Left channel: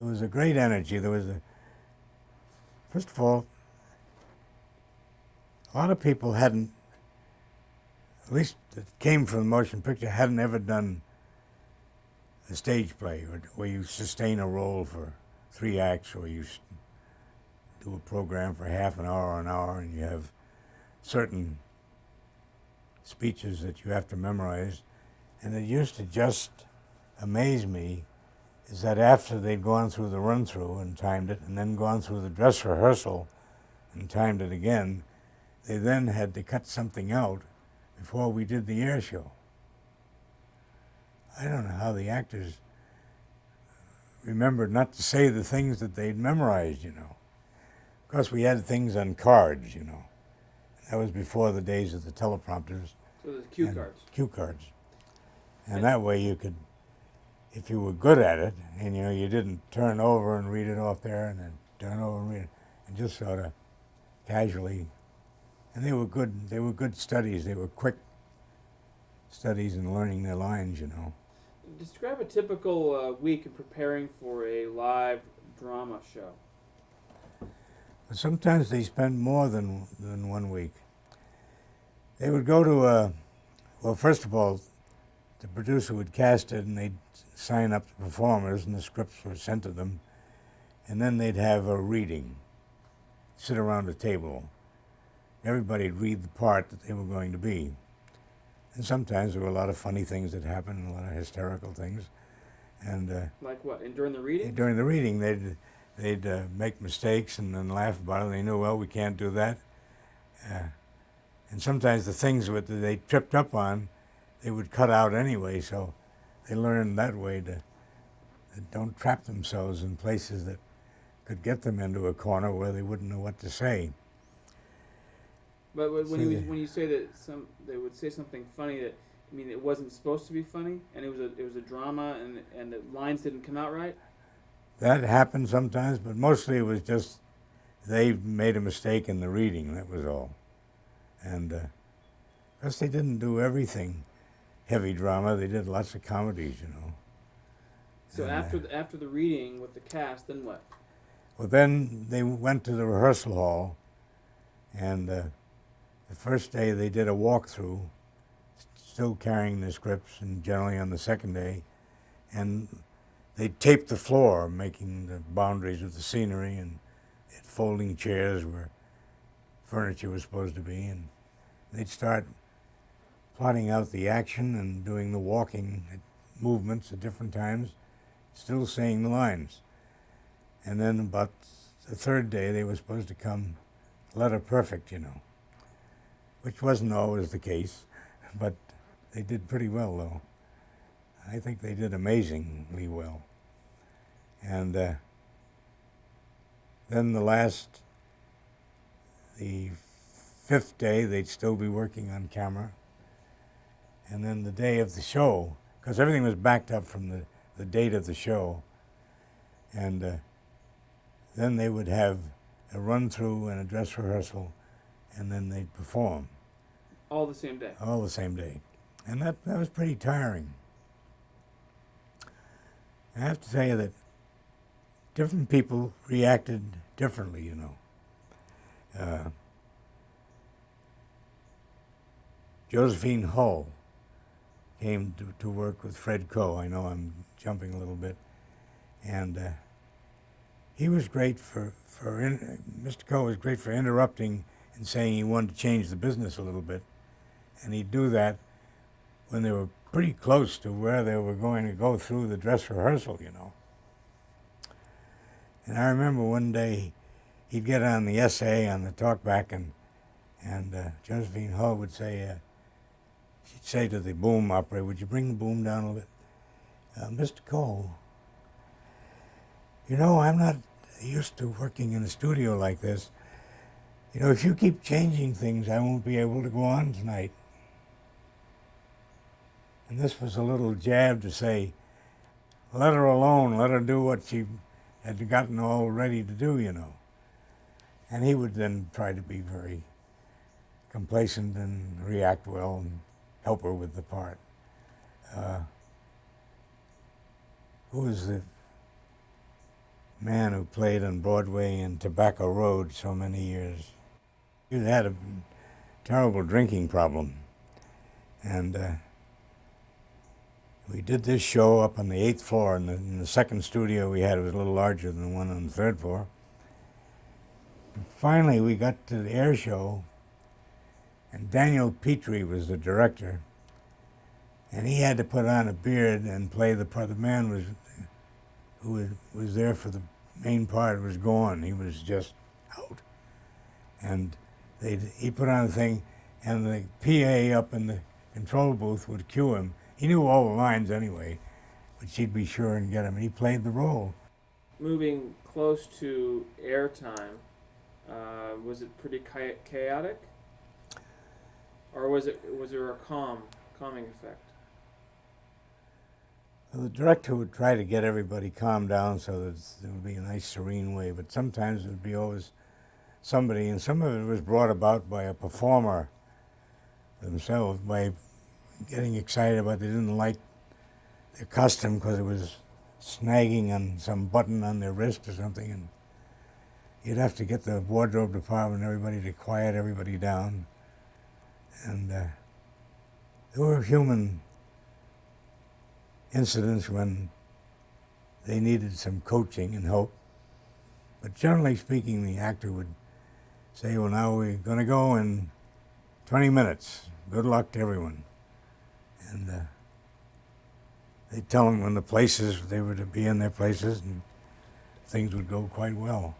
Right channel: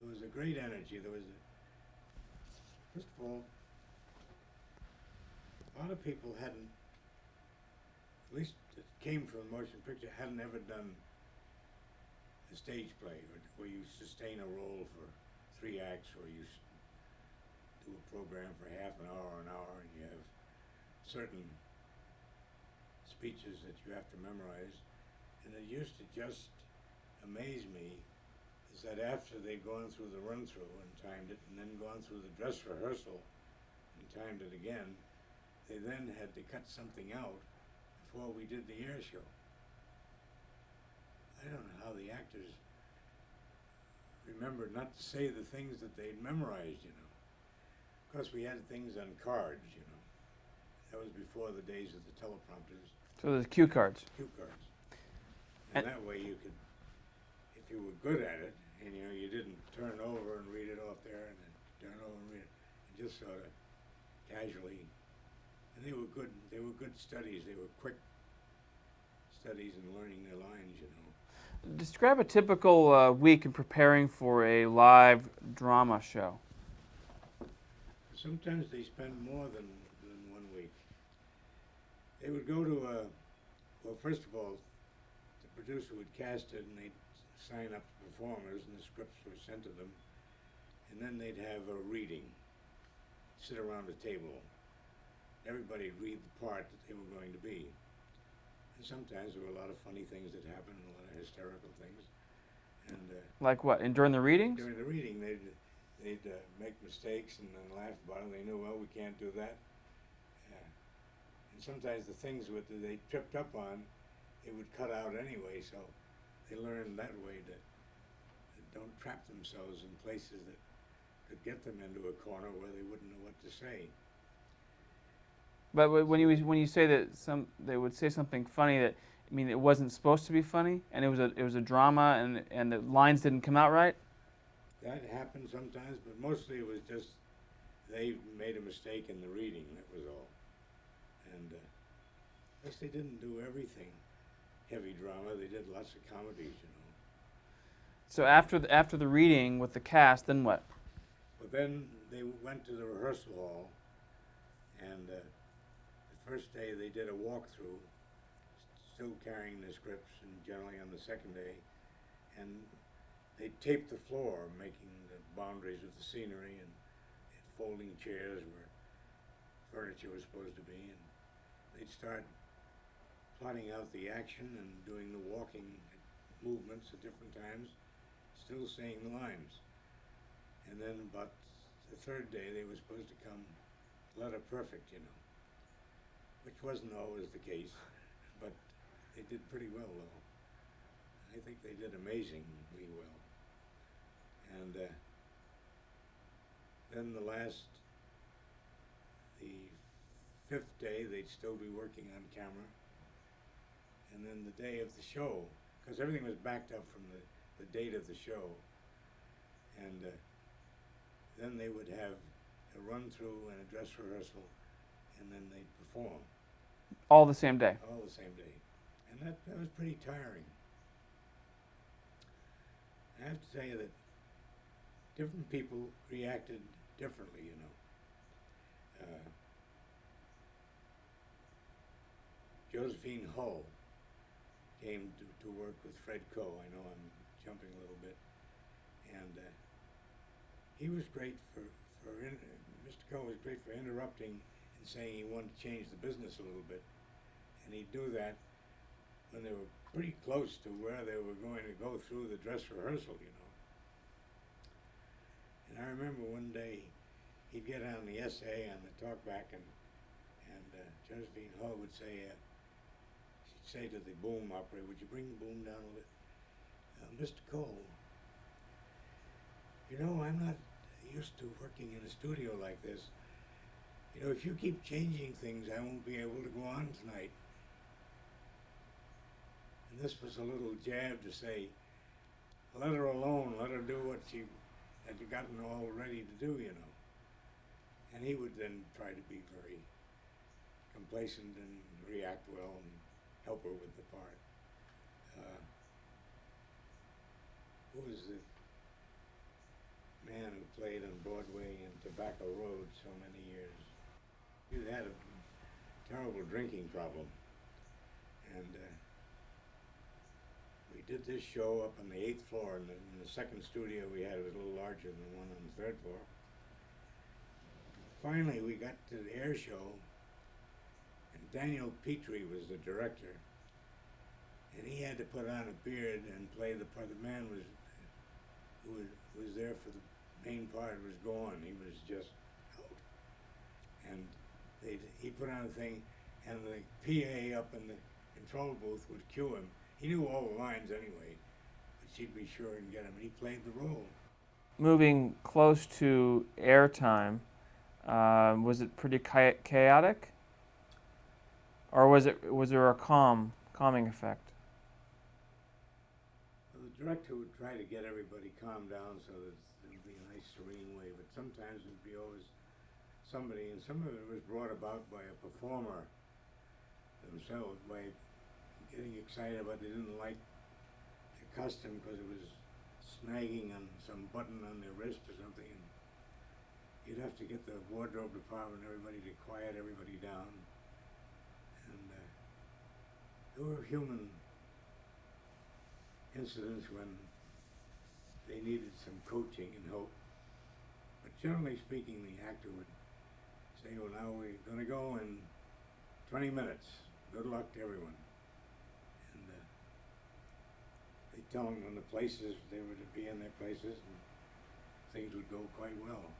There was a great energy. First of all, a lot of people hadn't, at least that came from the motion picture, hadn't ever done a stage play where you sustain a role for 3 acts, or you do a program for half an hour, and you have certain speeches that you have to memorize. And it used to just amaze me is that after they'd gone through the run-through and timed it, and then gone through the dress rehearsal and timed it again, they then had to cut something out before we did the air show. I don't know how the actors remembered not to say the things that they'd memorized, you know. Of course, we had things on cards, you know. That was before the days of the teleprompters. So there's cue cards. Cue cards. And that way you could, if you were good at it, and you know, you didn't turn over and read it off there, and then turn over and read it, and just sort of casually. And they were good studies. They were quick studies in learning their lines, you know. Describe a typical week in preparing for a live drama show. But sometimes they spend more than 1 week. They would go to well, first of all, the producer would cast it, and they'd sign up the performers, and the scripts were sent to them, and then they'd have a reading, sit around a table. Everybody'd read the part that they were going to be. And sometimes there were a lot of funny things that happened, a lot of hysterical things. And like what? And during the reading? During the reading, they'd make mistakes and then laugh about it. They knew, well, we can't do that. And sometimes the things that they tripped up on, they would cut out anyway. So they learned that way to don't trap themselves in places that could get them into a corner where they wouldn't know what to say. But when you say that they would say something funny that, I mean, it wasn't supposed to be funny, and it was a drama, and the lines didn't come out right. That happened sometimes, but mostly it was just they made a mistake in the reading. That was all. And because they didn't do everything heavy drama, they did lots of comedies, you know. So after the reading with the cast, then what? Well, then they went to the rehearsal hall, and the first day they did a walkthrough, still carrying the scripts, and generally on the second day, and they taped the floor, making the boundaries of the scenery, and folding chairs where furniture was supposed to be, and they'd start plotting out the action and doing the walking movements at different times, still saying the lines. And then about the third day, they were supposed to come letter perfect, you know, which wasn't always the case, but they did pretty well, though. I think they did amazingly well. And then the fifth day, they'd still be working on camera. And then the day of the show, because everything was backed up from the date of the show, and then they would have a run-through and a dress rehearsal, and then they'd perform. All the same day? All the same day. And that was pretty tiring. I have to tell you that different people reacted differently, you know. Josephine Hull came to work with Fred Coe. I know I'm jumping a little bit. And he was great Mr. Coe was great for interrupting and saying he wanted to change the business a little bit. And he'd do that when they were pretty close to where they were going to go through the dress rehearsal, you know. And I remember one day he'd get on the essay, on the talkback, and Josephine Hull would say, she'd say to the boom operator, would you bring the boom down a little bit? Mr. Coe, you know, I'm not used to working in a studio like this. You know, if you keep changing things, I won't be able to go on tonight. And this was a little jab to say, let her alone, let her do what she had gotten all ready to do, you know. And he would then try to be very complacent and react well and help her with the part. Who was man who played on Broadway and Tobacco Road so many years. He had a terrible drinking problem. And we did this show up on the 8th floor, and in the second studio we had, it was a little larger than the one on the 3rd floor. And finally, we got to the air show, and Daniel Petrie was the director, and he had to put on a beard and play the part. The man who was there for the main part was gone. He was just out. And he put on a thing, and the PA up in the control booth would cue him. He knew all the lines anyway, but she'd be sure and get him, and he played the role. Moving close to airtime, was it pretty chaotic, or was there a calming effect? Well, the director would try to get everybody calmed down so that it would be a nice, serene way, but sometimes it would be always somebody, and some of it was brought about by a performer themselves, by getting excited about they didn't like their costume because it was snagging on some button on their wrist or something, and you'd have to get the wardrobe department and everybody to quiet everybody down. And there were human incidents when they needed some coaching and help, but generally speaking, the actor would say, well, now we're going to go in 20 minutes. Good luck to everyone. And they'd tell them when the places, they were to be in their places, and things would go quite well.